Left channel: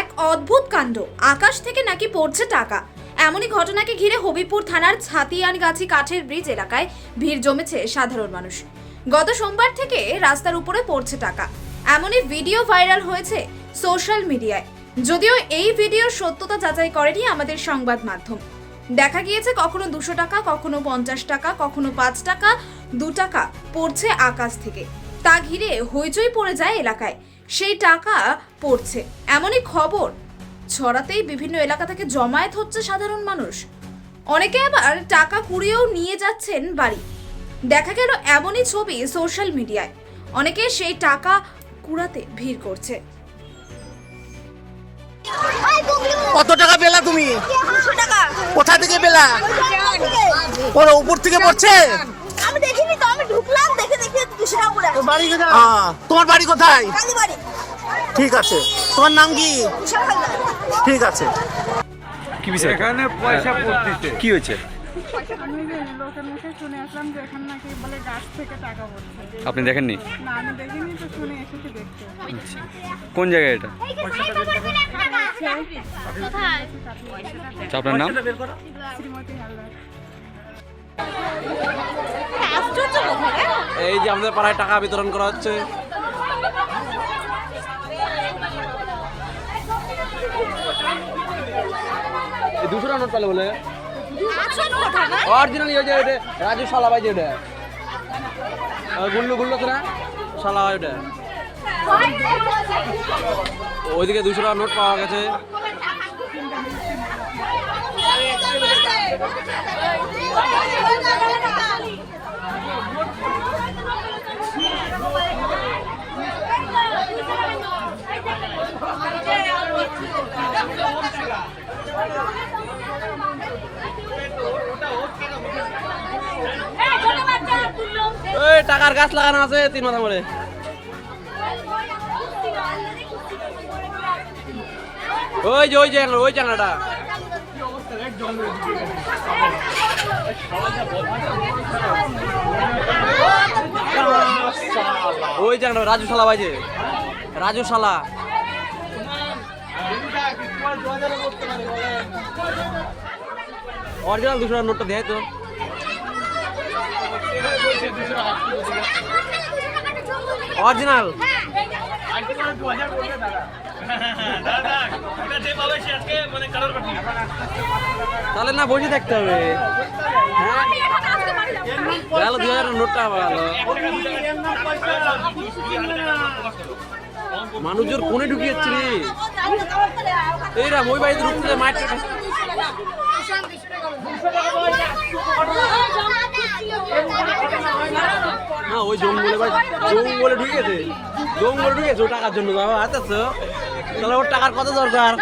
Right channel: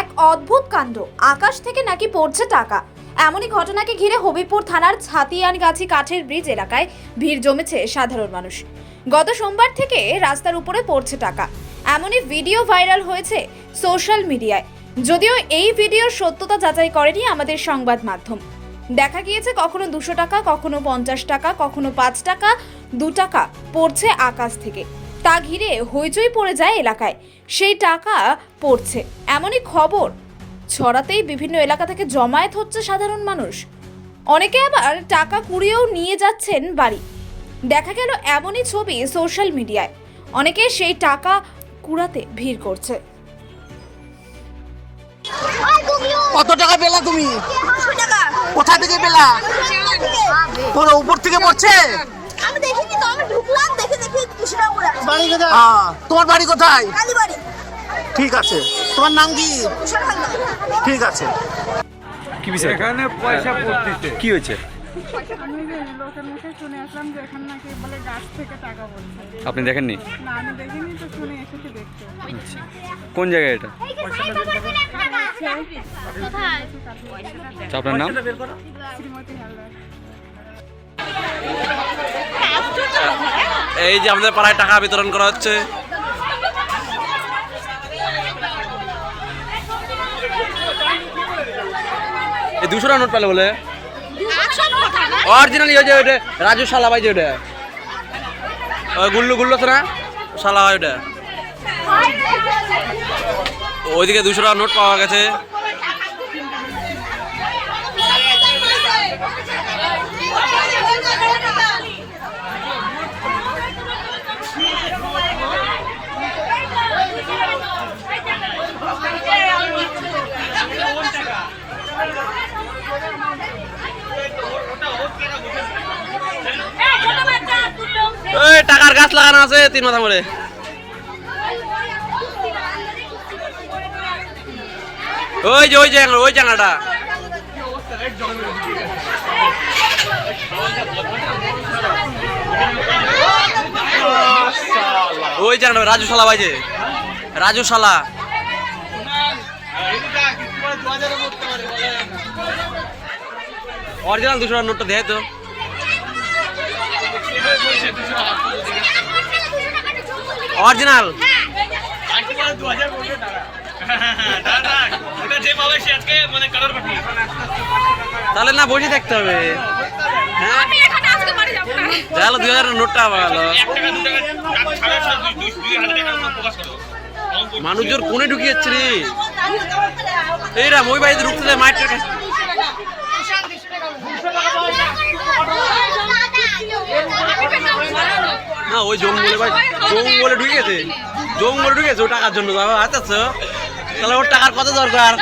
এক অদ্ভুত কাণ্ড, আকাশ থেকে নাকি পড়ছে টাকা। এমনই ঘটনাকে ঘিরে হবিপুর থানার ছাতিয়ানগাছি কাঠের ব্রিজ এলাকায় ভিড় জমেছে সাধারণ মানুষ। গত সোমবার থেকে রাস্তার উপরে পড়ছে টাকা, এমনই ভিডিও ভাইরাল হয়েছে সোশ্যাল মিডিয়ায়। যদিও এই ভিডিওর সত্যতা যাচাই করেনি আমাদের সংবাদ মাধ্যম। দেখা গিয়েছে কখনো 200 টাকা, কখনো 50 টাকা, কখনো 5 টাকা, 2 টাকা পড়ছে আকাশ থেকে। তা ঘিরে হইচই পড়ে যায় এলাকায়। সেই টাকা পড়ছে এমনই খবর ছড়াতেই বিভিন্ন এলাকা থেকে জমায়েত হচ্ছে সাধারণ মানুষ। অনেকে আবার টাকা কুড়িয়েও নিয়ে যাচ্ছেন বাড়ি। দেখা গেল এমনই ছবি সোশ্যাল মিডিয়ায়। অনেকে সেই টাকা কুড়াতে ভিড় করছে। কত টাকা পেলা তুমি? কোথা থেকে পেলা? তোর উপর থেকে পড়ছে? আমি দেখিনি তো, আমি ঢুকলাম দেখে 200 টাকা করে। তোমার বাড়ি কোথায়? কালীবাড়ি। ঠিক আছে, তোমার নাম কি? ঠিক আছে। কি বিষয় এখানে পয়সা পড়তেছে। কি হয়েছে? আমি যে লোকের মুখে শুনে আসলাম যে এখানে নাকি বলে গাছ থেকে টাকা পড়ছে। আপনি দেখেননি? না, আমি দেখিনি তো, শুনে এসেছি দেখতে। আচ্ছা, কোন জায়গায় এটা? আচ্ছা, আপনার নাম? শ্রীমতী হালদার। এই যে আমাদের পাড়ায় টাকা বিতরণ করা হচ্ছে। এই 200 টাকা নোট পেলে বলে অরিজিনাল ওই যে ওইটা রাজু শালা ভাই যে ওটা ওই গুল্লু গুল্লু তো না শালা হয় ওটা। ওইদিকে 200 টাকা নোট পাওয়া গেছে। এই টাকার গাছ লাগানো আছে 3 মাথা করে। ওই জায়গাটা রাজু শালা ভাইছে, রাজু শালা। অরিজিনাল 200 টাকার নোটটা দেয় তো। অরিজিনাল তাহলে না বসে থাকতে হবে। হ্যাঁ গেল 2000 নোটটা গেল। মানুষজন কোনে ঢুকিয়েছে রে? এইরা মই বাড়িতে ঢুকতে মাইটটা না ওই জঙ্গলে ভাই, জঙ্গলে ঢুকেছে, জঙ্গলে ঢুকেছে ও টাকার জন্য। আচ্ছা তাহলে ওর টাকার কত দরকার?